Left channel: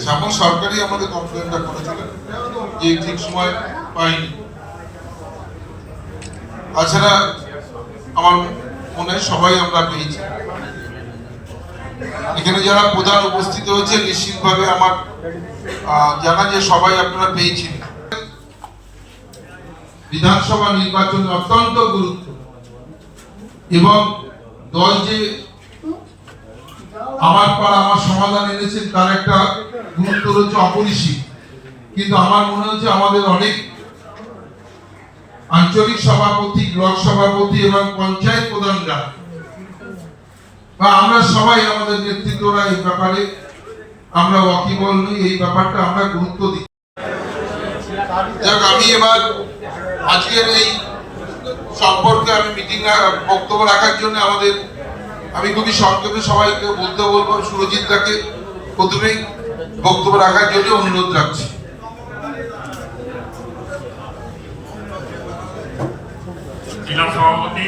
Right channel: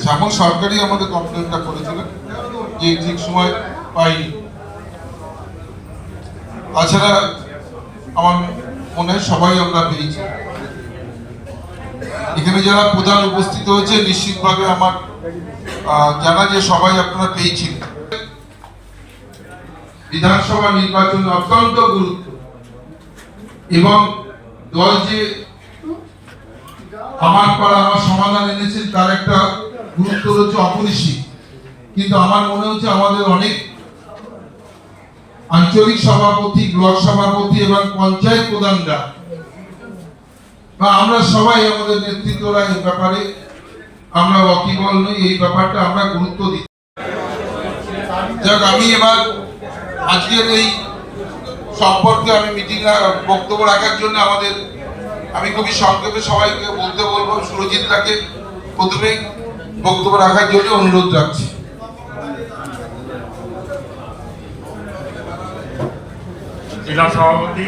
শ্যামল সরকারই আমাদের কমপ্লেনটা করেছিলেন যে ঠিক সময় পাইনি। তাছাড়া আমার মনে হয় সবাই আমরা পেয়েছি। এখানে যারা প্রধান উপস্থিত হয়েছে নিশ্চিতভাবে আমার জানা যে সবাই আপনারা পেয়েছেন। বিধানসভা নির্বাচন অত্যন্ত গুরুত্ব এবং দল যে আমার পাড়া আমার সমাধান এনেছেন তার একটা গুরুত্ব রয়েছে অপরিসীম। কিন্তু আমার মনে হচ্ছে আমাদের অনেক আঞ্চলিক সভাপতি, ব্লক সভাপতি এবং পঞ্চায়েত প্রধানরা বা আমরা সবাই আমাদের নেতৃত্বরা এই ব্যাপারে আমরা ওয়াকিবল নই, এই ব্যাপারটা আমরা গুরুত্ব দিই। যাক, আমি এবার আজকের এই সম্পর্কে আমি বক্তব্য রাখার জন্য আমি খুবই সংক্ষেপে সবাইকে বলতে বলবো। সুরজিৎ দাকে প্রথমেই বক্তব্য রাখার জন্য অনুরোধ রাখছি। জেলা সভাপতি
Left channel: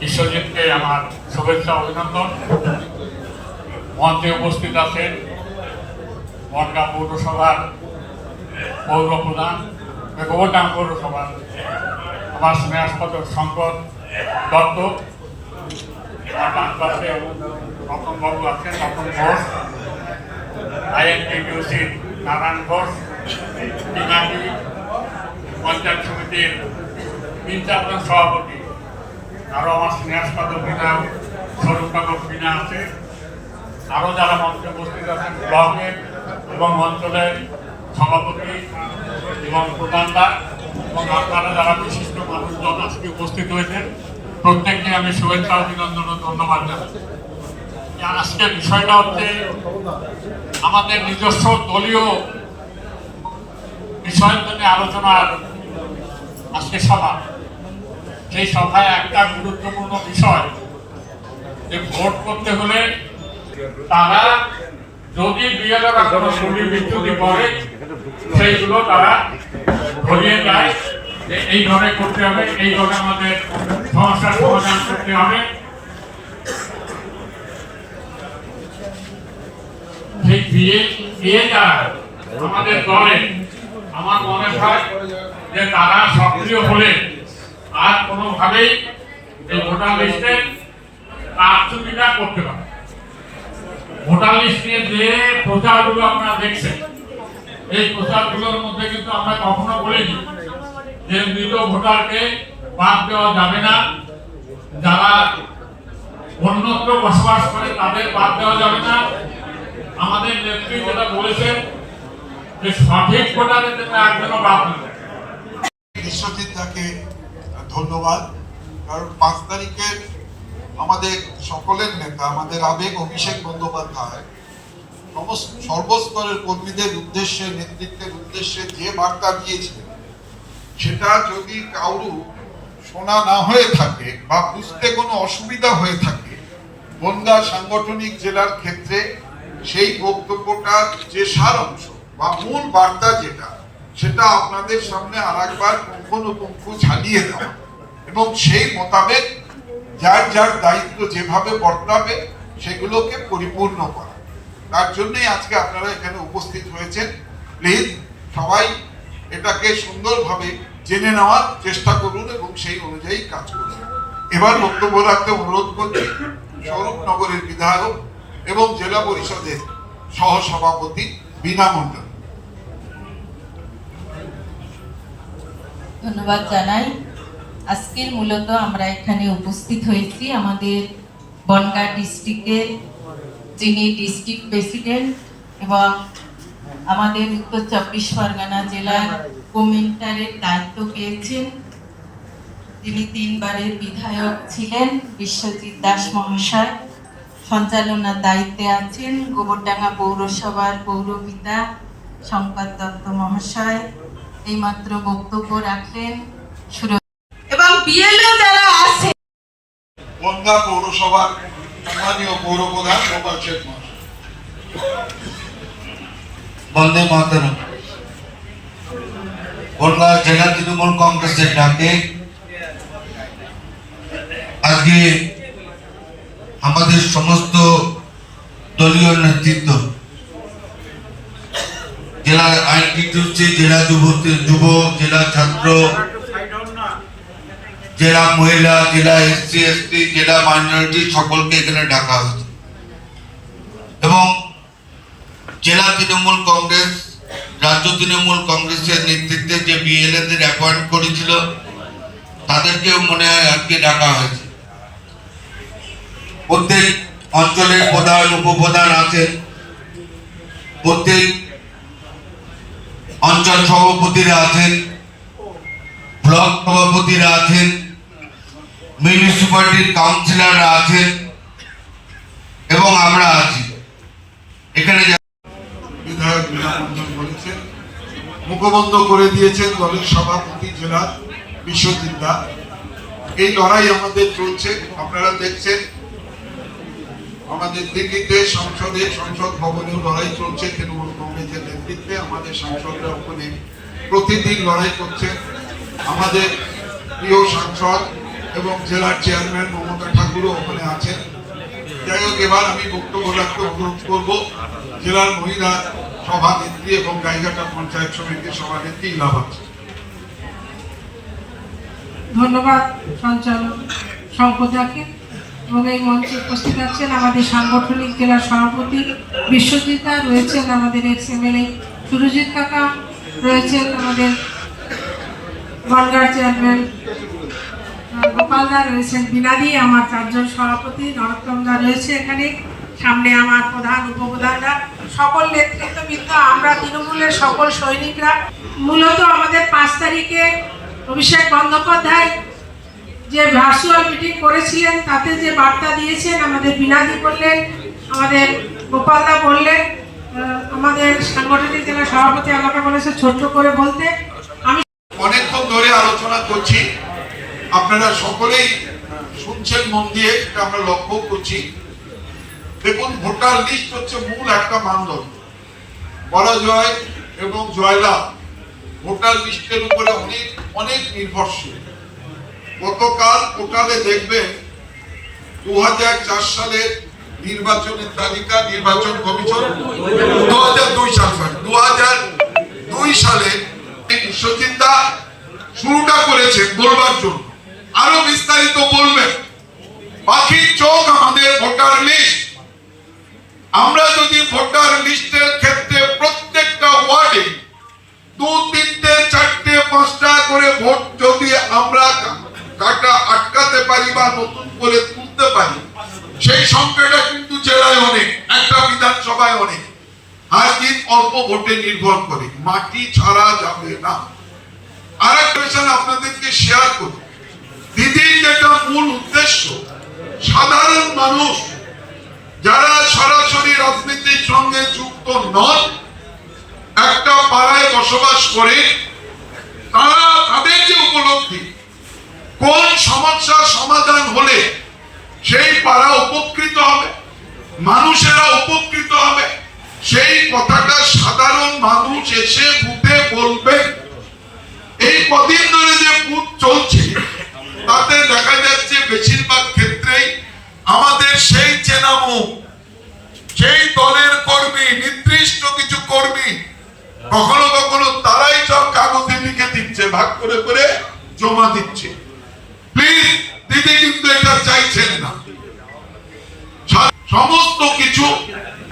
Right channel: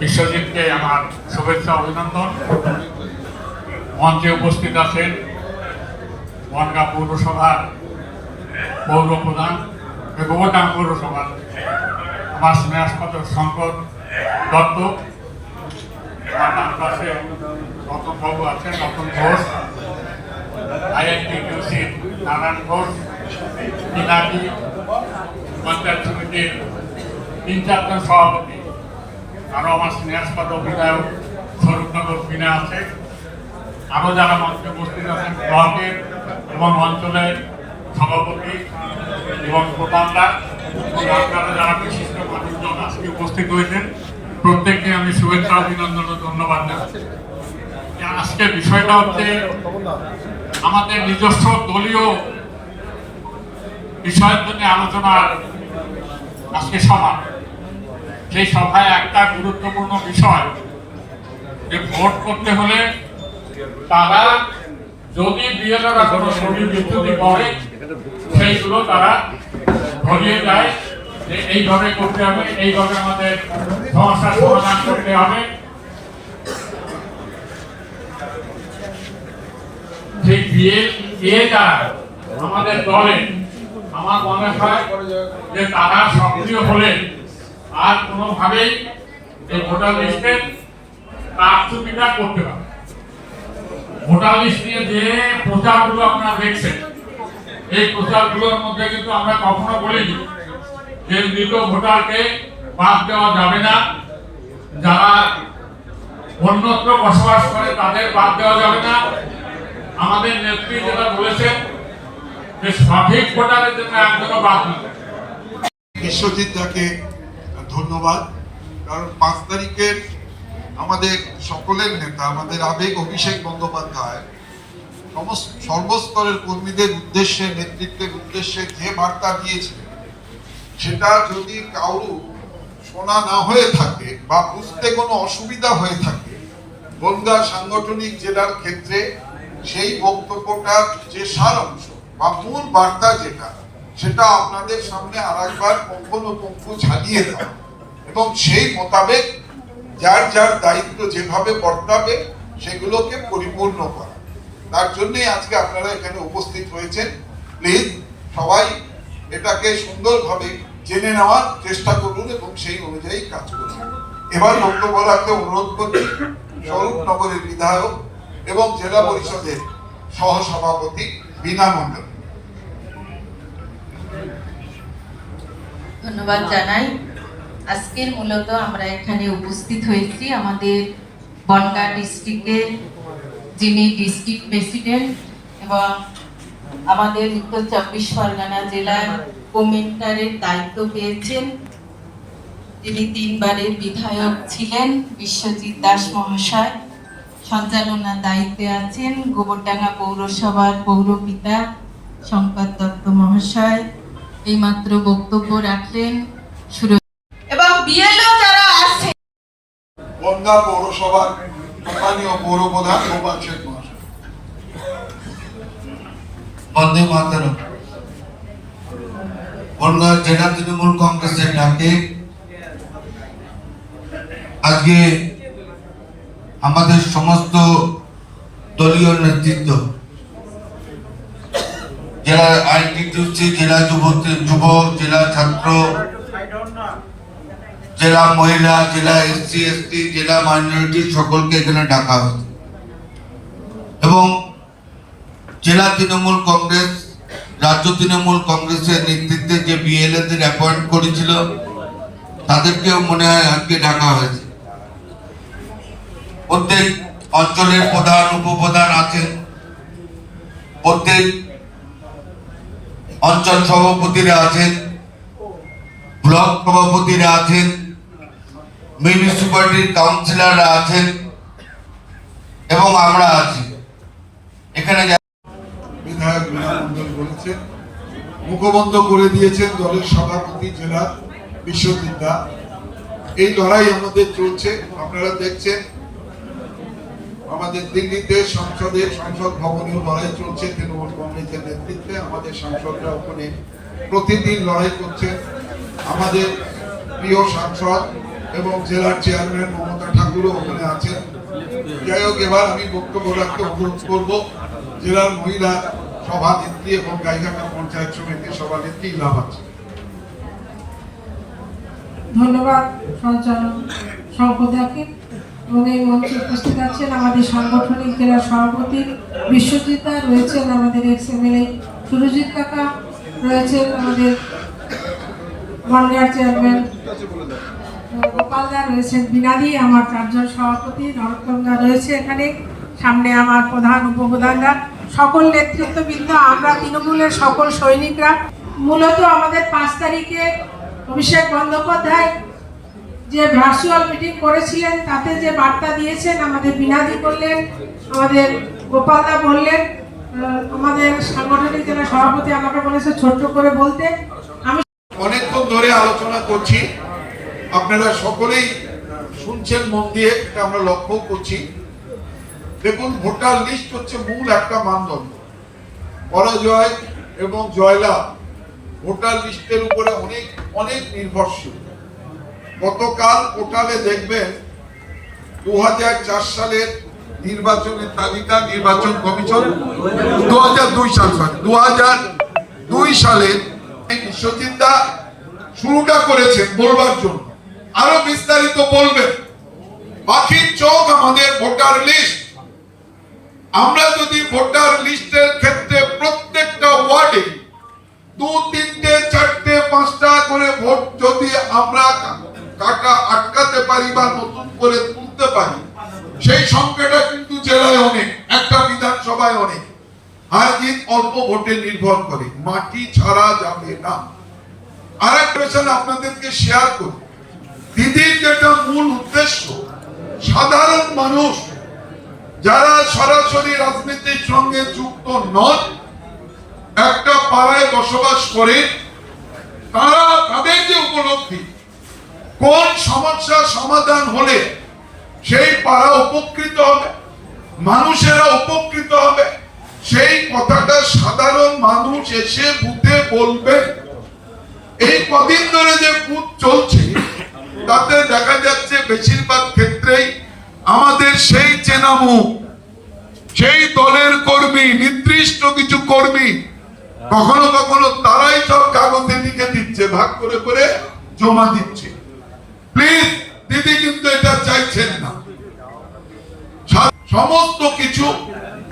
বিশ্বজিৎকে আমার শুভেচ্ছা অভিনন্দন। মঞ্চে উপস্থিত আছেন বনগাঁ পৌরসভার পৌর প্রধান, গোবরডাঙ্গা পৌরসভার আমার স্নেহাস্পদ শঙ্কর দত্ত, আমার পাশে রতনবাবু আছেন, রতন ঘোষ, INTTUC নারায়ণ ঘোষ, পিনাকি পঞ্চায়েত সমিতির 3-4 জন সভাপতি, আরো আমার স্নেহাস্পদ বিধায়ক স্বরূপনগর বিনা আছে, আরো যারা মঞ্চে উপস্থিত আছেন ব্লকের এবং অঞ্চলের সভাপতি এবং প্রধানরা এবং আপনারা যারা বিশিষ্ট মানুষজন আজকে উপস্থিত হয়েছেন, প্রত্যেককে আমি শুভেচ্ছা অভিনন্দন ও ধন্যবাদ জানাচ্ছি। আজকে বিষয়টা হচ্ছে আমাদের নিজস্ব দলীয় বিষয়ের জন্য আলোচনার আজকে সভা। সেই সভায় একটা গুরুত্বপূর্ণ বিষয় যে ভোট করতে হলে তারা যদি বিএলও শরীর বিচ্যুতি করে সেইগুলো তারা ধরিয়ে যায় যে এইভাবে করতে হবে, এইভাবে আমাদের সমস্যার সমাধান করতে হবে। ঠিক বিয়ে যারা আমাদের দলে আমার মনে হয় যে তারা সক্রিয় হলে আর কোনোভাবেই এই ভোটার লিস্টে কারচুপিটা করতে পারে। ভোটার লিস্ট নিয়ে যে প্রচারগুলো আপনারা দেখছেন, এই প্রচারগুলোর মধ্যে কিন্তু আমরা কখনো বলিনি যে মৃত ভোটারকে বাদ দেওয়া যাবে না, যারা অন্যত্র বসবাস করে তাদের বাদ দেওয়া যাবে না। আমাদের নেত্রী যেটা বলেছেন যে সঠিক ভোটারের জন্য একজনও বাদ নেবে। বিশ্বজিৎ দাকে ধন্যবাদ, কারণ 5 তারিখের আমাদের সকলের নেতা, আমাদের আবেগ অভিষেক বন্দ্যোপাধ্যায় সর্বস্তরের কর্মীদের উদ্দেশ্যে, নেতৃত্বের উদ্দেশ্যে যে বার্তা দিয়েছিলেন, সেটা যদি কারো শোনা না হয়ে থাকে বা বুঝতে কোনো অসুবিধা হয়ে থাকে, বনগাঁ সাংগঠনিক জেলার ক্ষেত্রে সেই বক্তব্যটার যে সার অংশ বা মূল বার্তা যেটা, সেটা আপনাদের সামনে আরেকবার পুঙ্খানুপুঙ্খ ঝালিয়ে দেওয়া এবং সেই মোতাবেক যার যার দায়িত্ব যেভাবে বর্তাবে সেগুলোকে পরিপূর্ণ করা। তার জন্যই আজকে আপনারা এখানে উপস্থিত হয়েছেন। প্লিজ সবাই এটাকে সুন্দরভাবে জেনে নেওয়ার চেষ্টা করুন এবং সেই অনুযায়ী কাজ করুন। এবার বক্তব্য রাখতে অনুরোধ করছি স্বরূপনগরের বিধায়ক এবং জেলা পরিষদের সহসভাপতি বীণা মণ্ডল। ধন্যবাদ জানাই। আজকের মূলত আমরা এখানে উপস্থিত হয়েছি আমাদের বনগাঁ ডিস্ট্রিক্টের যিনি ডিস্ট্রিক্ট প্রেসিডেন্ট এবং আমাদের উত্তর 24 পরগনা জেলার কমেন্টারের দায়িত্ব পেয়েছেন, তিনি 3 বারের বিধায়ক ছিলেন, বিশ্বজিৎ দাস মহাশয় সঞ্চালনার দায়িত্বে আছেন, গোবরডাঙ্গা পৌরসভার পৌরপিতা শঙ্কর দত্ত মহাশয় এইমাত্র বক্তব্য রাখলেন। এবং বিএলও যারা আছে বনগাঁ পৌরসভার স্থানীয় পৌর প্রধান গোপাল শেঠ মহাশয়। বন্দে মাতরম। বনগাঁ জেলা তৃণমূল কংগ্রেসের ডাকে আজকে আমাদের সমস্ত দলীয় নেতৃত্ব, জেলার আইনটিটিউসি, জেলা যুব, জেলা ছাত্র, জেলা মহিলা, জেলা এসসি এসটি, জেলা মাইনরিটি সকলকে এখানে ডাকা হয়েছে। এবং জেলা তৃণমূল কংগ্রেস, রাজ্য তৃণমূল কংগ্রেসের নেতৃত্বে যে বিএলএদের অ্যাপয়েন্ট করেছিল তাদেরকেও মনে হয় আজকে ডাকা হয়েছে। প্রত্যেক অঞ্চলের প্রধান উপপ্রধান আছেন, প্রত্যেক অঞ্চল সভাপতিরা আছেন, ব্লক সভাপতিরা আছেন, মিউনিসিপ্যালিটির কাউন্সিলররা আছেন এবং আমরা আছি এখানে। বিধায়ক মীরা মণ্ডল বলেছেন, মুখবন্ধ করে দিয়েছেন দলের সভাপতি জেলা বিশ্বজিৎ দা। এই লড়াই আমাদের চলছে, আপনারা দেখছেন আমাদের দিল্লিতে সংসদে, সংসদ ভবনেও লড়াই চলছে তৃণমূল কংগ্রেসের নেতৃত্বে। আমাদের সাংসদরা ওখানে প্রতিদিন লড়াই করছেন। আমাদের প্রিয় সাংসদ এবং জেলার চেয়ারম্যান মমতা ঠাকুরও ওখানে আছেন। যাই হোক, এবার আমি বক্তব্য রাখতে অনুরোধ করব জেলার মহিলা সভানেত্রী এবং গাইঘাটা পঞ্চায়েত সমিতির সভানেত্রী লাভাচ্ছি। ধন্যবাদ সঞ্চালক সম্পদাকে। এবং এই মঞ্চে উপস্থিত আছেন আমাদের সাংগঠনিক জেলার সভাপতি বিশ্বজিৎ দা, রয়েছেন আমাদের এক্স এমএলএ সুরজিৎ কাকা, রয়েছেন আমাদের বনগাঁ চেয়ারম্যান গোপাল দা, রয়েছেন বিনাদি, আমার চারজন সভাপতি নরোত্তম দা রয়েছে এখানে, সামনে আমার প্রধান উপপ্রধানরা, সকল নেতৃত্ববৃন্দ, আমরা তৃণমূলের সকল সৈনিকরা। মূলত আমাদের 5 তারিখে অভিষেক বন্দ্যোপাধ্যায় যে ভার্চুয়াল মিটিং করেছিলেন তাতে যে বার্তা দিয়েছেন, আমাদের বিনাদি বললেন, আমাদের গোপালদা বললেন, আমাদের সাংগঠনিক জেলা সভাপতি আমাকে বলেছে ছোট্ট করে বলতে। আমি অনেকক্ষণ ধরে আলোচনা করছি, আপনারা সকলেই শুনছেন মন দিয়ে, এটা আমরা লক্ষ্য করছি। দেখুন, ভোটার লিস্ট হচ্ছে মূল একটা মানদণ্ড। পরাজয় এবং জয়লাভ ভোটার লিস্টের উপরে অনেক অনেক নির্ভরশীল। গতকাল পোর্টালে দেখবেন 2004 সালের নির্বাচনের তালিকা, নির্বাচন কমিশন 2002 সালে বিশ্বজিৎ দা শুরুটা করেছেন বলবার জন্য, আরো বিস্তারিত বলবেন। পাখির চোখ আমাদের ভোটার লিস্ট। আমরা যদি ভোটার লিস্টের ক্ষেত্রে প্রত্যেকটা ওয়ার্ডে 2, 3, 4, 5টা করে ভোট যদি আমরা কাটা আটকাতে পারি বা নতুন করে তুলতে পারি, সেই সংখ্যাটা কিন্তু জেলায় অনেক, একটা বিধানসভায় অনেক। আর জিত অল্প ভোটে নির্ভর করে, মাটি ছাড়া যাবে না। আর একটা আপনাদেরকে শেয়ার করি, দিদির যেটা মূল উদ্দেশ্য, সাধারণ মানুষ যারা সরাসরি রাজনীতির সঙ্গে যুক্ত নন, একটা পাড়ায় বসবাস করে, তারা তাদের যে উপলব্ধি, কোন সমস্যা সমাধান হলে সেই পাড়া উপকৃত হবে, মানুষেরা উপকৃত হবে, সেই কথাটা সাধারণ মানুষ এসে বুথে বলবেন। এই কদিন ধরে যে বুথ চলছে তাতে দেখা যাচ্ছে বেশিরভাগ ক্ষেত্রেই আমাদের সেই চেনা মুখ, সেই দলের কর্মী, নির্দিষ্ট কিছু কর্মী, কখনো কখনো তারাই সব কাগজে লিখে দিচ্ছে, ভাগ করে করে জমা দিচ্ছে। প্লিজ, দিদি কিন্তু এটা চাইছেন না। সমস্ত কিছু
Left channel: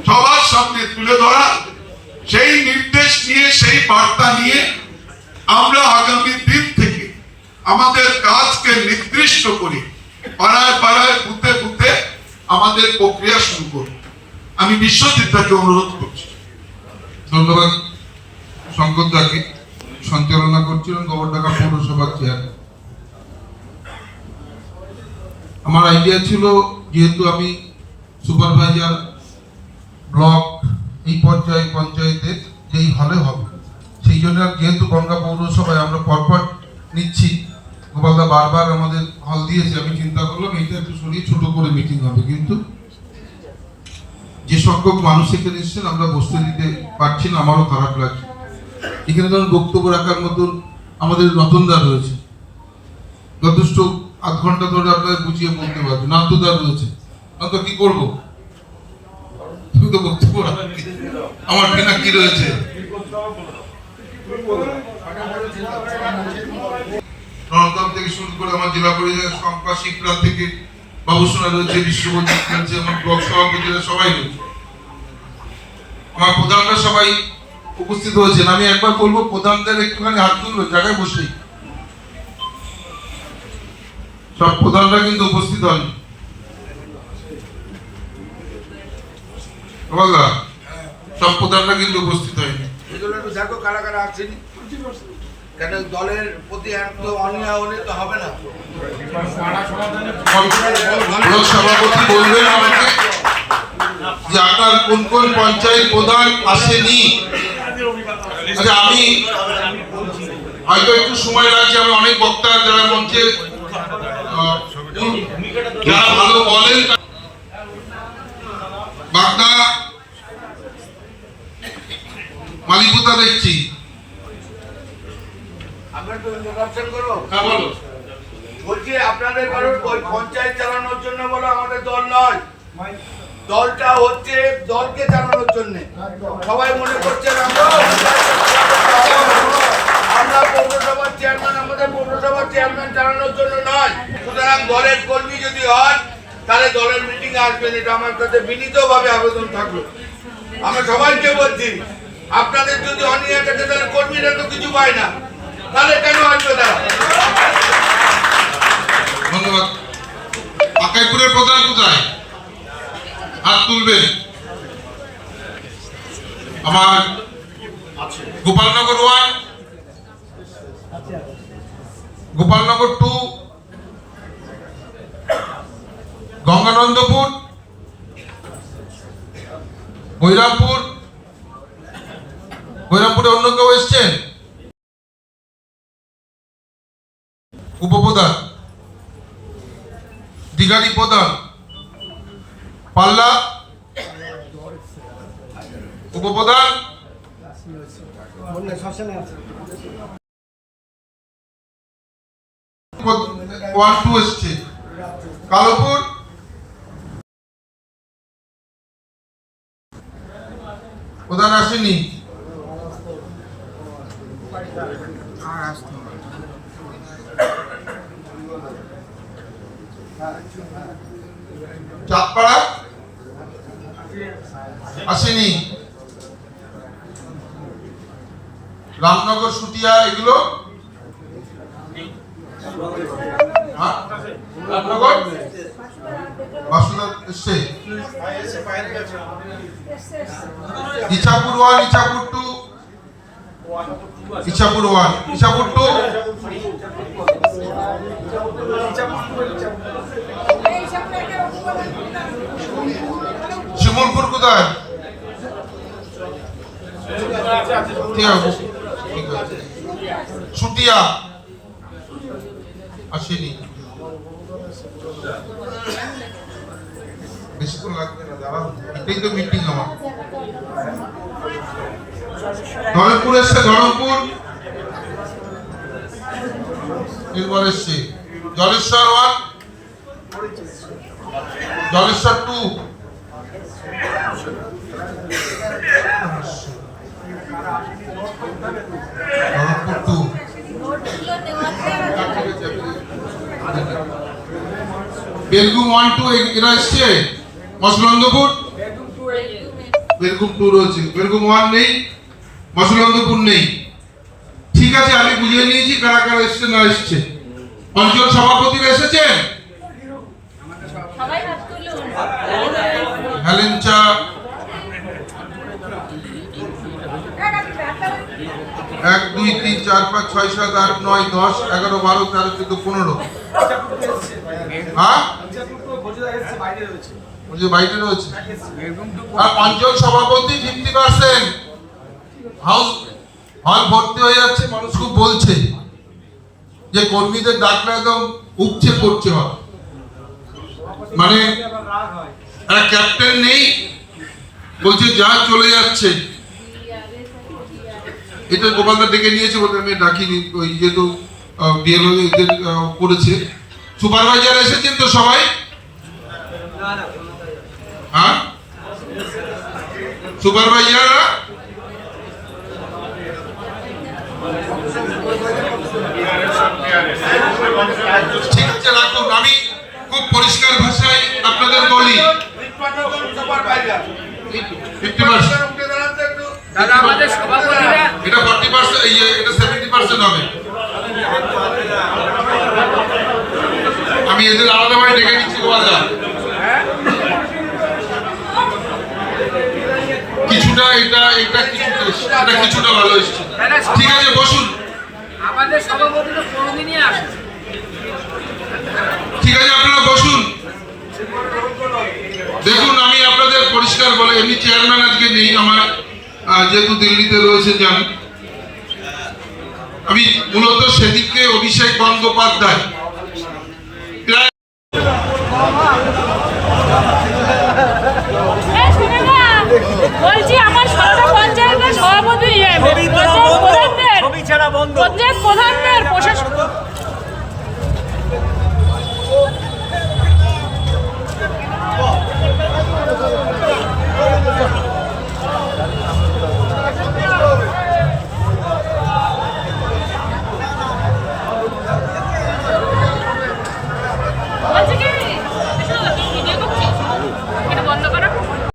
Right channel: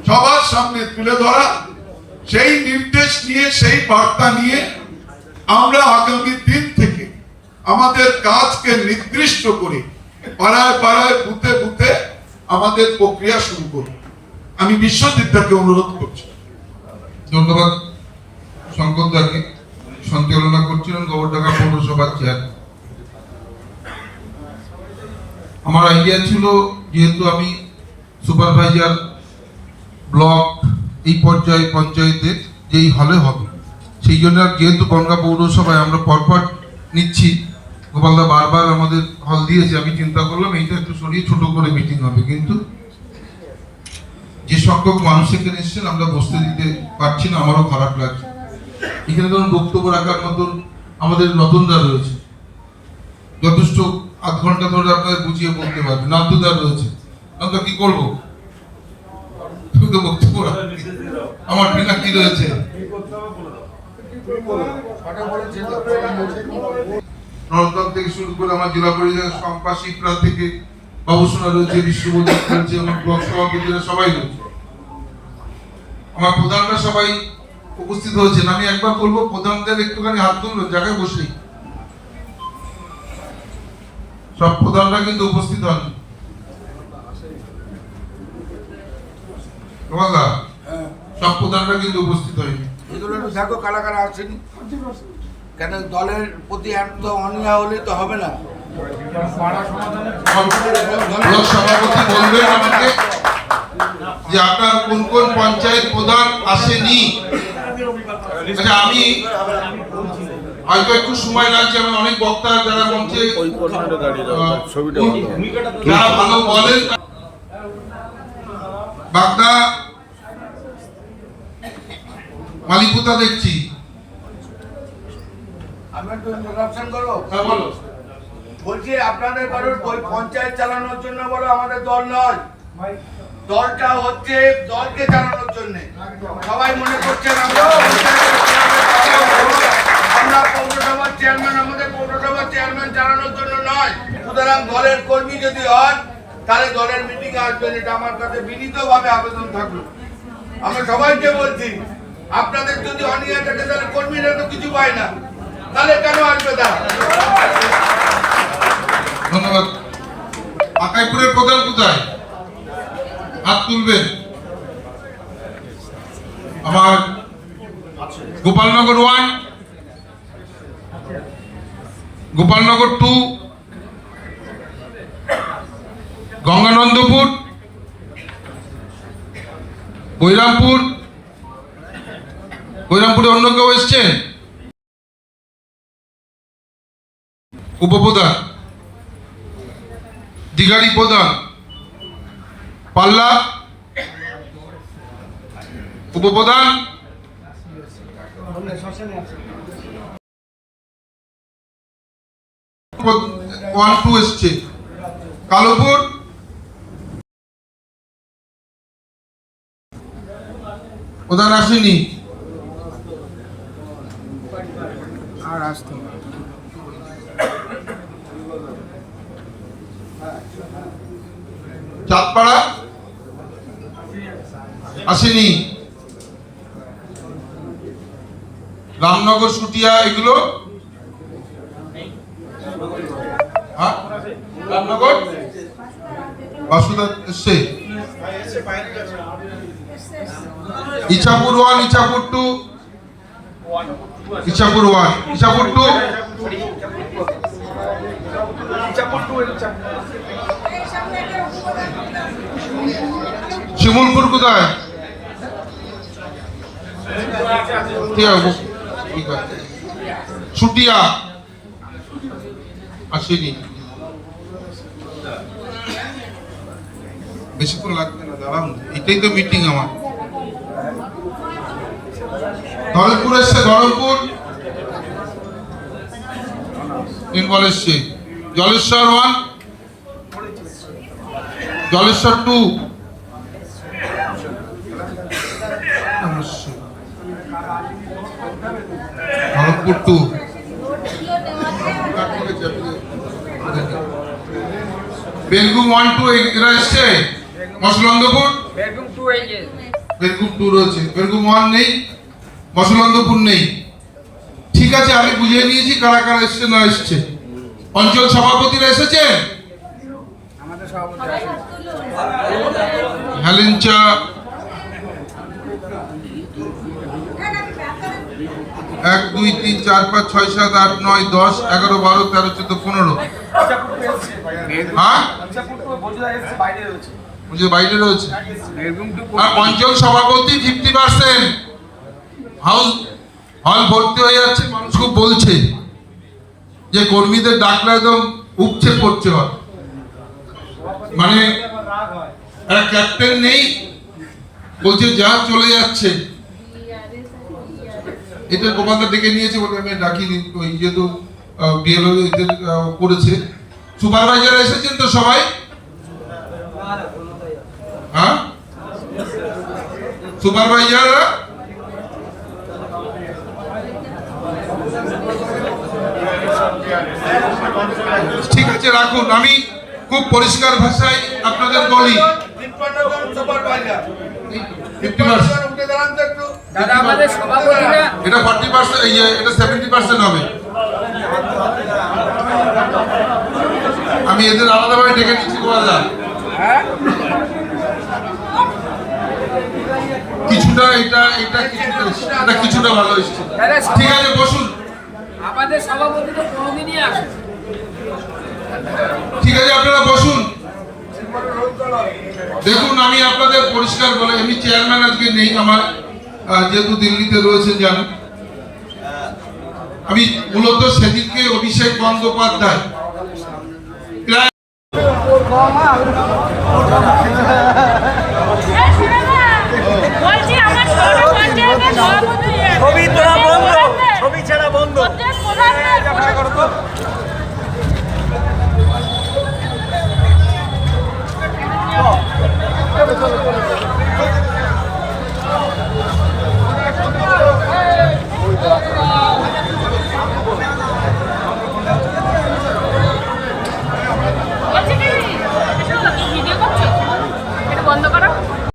সবার সামনে তুলে ধরা, সেই নির্দেশ নিয়ে, সেই বার্তা নিয়ে আমরা আগামী দিন থেকে আমাদের কাজকে নির্দিষ্ট করে পাড়ায় পাড়ায়, বুথে বুথে আমাদের প্রক্রিয়া শুরু করি। আমি বিশ্বজিৎকে অনুরোধ করছি। ধন্যবাদ শঙ্করদাকে। সঞ্চালনা করছিলেন গোবরডাঙ্গা পৌরসভার চেয়ারম্যান। আমার আইডিয়া ছিল, যেহেতু আমি সুপারভাইজার ব্লক এই পর্যায়ে পঞ্চায়েতের যেই হলে হবে, সেই জন্য যেহেতু বনগাঁ পৌরসভায় আমরা পরপর নিচ্ছি, গোপালদা বারবার আমাদের হল দিয়েছে, আমি চিন্তা করলাম এইটা একটু সরিয়ে ছোট করে মিটিং হবে। কিন্তু যে সংখ্যক মানুষ এখানে এসেছেন আমরা বসতে দিতে পারছি না, আমারও খারাপ লাগছে। এখানে ধরুন বক্তব্য রাখার মতন আমাদের রতনদা রয়েছে, যথেষ্ট আধ ঘন্টা ধরে আপনাদের বুঝিয়ে বলতে পারবে। নান্তদা রয়েছে, নান্ত কি করবো, সংক্ষিপ্ত বক্তব্য রাখি। আমার পিনাকি রয়েছে। নন্দন থেকে শুরু করে আমার জেলা পরিষদের শম্পা শিকরা থেকে বাবুসোনা রয়েছে, বিশ্বজিৎ রয়েছে, আমার ব্লক সভাপতিরা সবাই রয়েছে, আমার প্রধানরা সবাই উপস্থিত হয়েছেন। আমি একবার বলবো প্রধানদের একটুখানি হাত তুললো জায়গায় বসেই। সব প্রধানরা কিন্তু উপস্থিত হন। সব প্রধানরা কিন্তু উপস্থিত হয়নি। এগুলো একটু দেখো কারা কারা আসছেনি, কেন দলের প্রতি তো অনীহা হলে তো হবে না। ব্লক সভাপতি বলবেন আমাকে যে আপনার কোন কোন পঞ্চায়েত প্রধান আসেনি। আচ্ছা, আমি হয়তো একটু সময় লাগছে, আমি অনেক বক্তা যারা মঞ্চে যারা ভালো বলেন। বাগদা মালিকতা দেখছি। আমি একটু ইন্ট্রোডাকশন করো। হ্যাঁ বলো। বলছি আপনাদের কারোর ওই পঞ্চায়েত চালানোর জন্য বলো আমাদের দল নয়, দলটা হচ্ছে দলকে চালানোর জন্য। সবাই মনে করছেন আমরা পৌরসভার চেয়ারম্যান, আমাদের পৌরসভার চেয়ারম্যান চালানোর জন্য নয়। সুতরাং দলের কর্মী যদি হয় তাহলে দলের মিটিং আসবেন, এটা আমার কাছে বিনীতভাবে আবেদন থাকলো। আমি সবাইকে বলছি আপনাদের যদি অনীহা থাকে তাহলে কর্মীরা তো কিছু পায় না, তাহলে কেন আসবে তারা? ধন্যবাদ। আকাইপুরের প্রধান কোথায়? হাত তুলবেন। আমার গোপালনগর 1, গোপালনগর 2, গঙ্গানন্দপুর, বৈরামপুর। বৈরামপুরে অন্য কেউ এসছে? উপপ্রধান, দিঘারি প্রধান, পাল্লা উপপ্রধান, 1-2 এসছে। কালোপুর, প্রধান আসেনি। চাঁদপাড়া আসেনি। রামনগর, সুটিয়া এগুলো রামনগর বাসুদা এসছে। ইছাপুর 1, ইছাপুর 2, ইছাপুর 1, ইছাপুর 2, শিমুলপুর কোথায়? ঠিক আছে। সুটিয়া আসেনি। বেশিক্ষণ লাগবে না, দাঁড়ান, এটাই তো মিটিং আমার। ধরমপুর এসছে, ধরমপুর নির্মল এসছে। জলেশ্বর 1, জলেশ্বর 2, ধরমপুর 2। বেলগুম 1-2 এরা এসছে। মসলন্দপুর বেলগুম 2 রয়েছে, বেলগুম 1 নেই, মসলন্দপুর নেই। ঠিক আছে, আমি বুঝিয়ে নিয়েছি কারা কারা এসছে না এসছে। অঞ্চল সভাপতিরা এসেছেন? হেলেঞ্চা, 1, 2, 3, 4, 5, 6, 7, 8, 9, 10, 11, 12, 13, 14, 15। হ্যাঁ, বাইরে রয়েছে। আর অঞ্চল সভাপতি 50%। হাউস হল ভর্তি হয়ে যাচ্ছে। মানুষ খুব বলছে যে কর্মীদের ডাকলে একদম উপচে পড়ছে। মানে একটা ক্যাপ্টেন নেই, বলছে যা চলে যাচ্ছে। এটা গোপালদা ডেকে নিয়েছে বলে আমি ডাকিনি, ওই যেহেতু ডিএলও করেছে। সুপারভাইজার এসেছেন তো সবাই? হ্যাঁ, সুপারভাইজাররা ঠিক আছে রাখুন, আমি খুব পরিষ্কার ভাষায় আপনাদের বলি। 50% উঠে দাঁড়ান তো একটু। দাদা আমাদের সভাপতিরা এটা 40%, এটা 70% হবে। আমি এদের আলাদাভাবে ডেকে নিচ্ছি দাদা। কিছুটা কিছুটা ভালো এসেছে। ঠিক আছে বসুন। আমাদের সভাপতি তো কোনোদিনই আসে না। ঠিক আছে আপনারা বসুন। দেখুন আমি আপনাদের পরিষ্কার বলে, এমনি চেয়ারম্যান আজকে নেই আমার, যেহেতু দিল্লিতে রয়েছে জানি। আমি মূলত সেদিনকে অভিষেক বন্দ্যোপাধ্যায় প্রায় বলছি আমার সর্ব পঞ্চায়েতের সভাপতি ছবি ছাড়া বন্ধ প্রধানের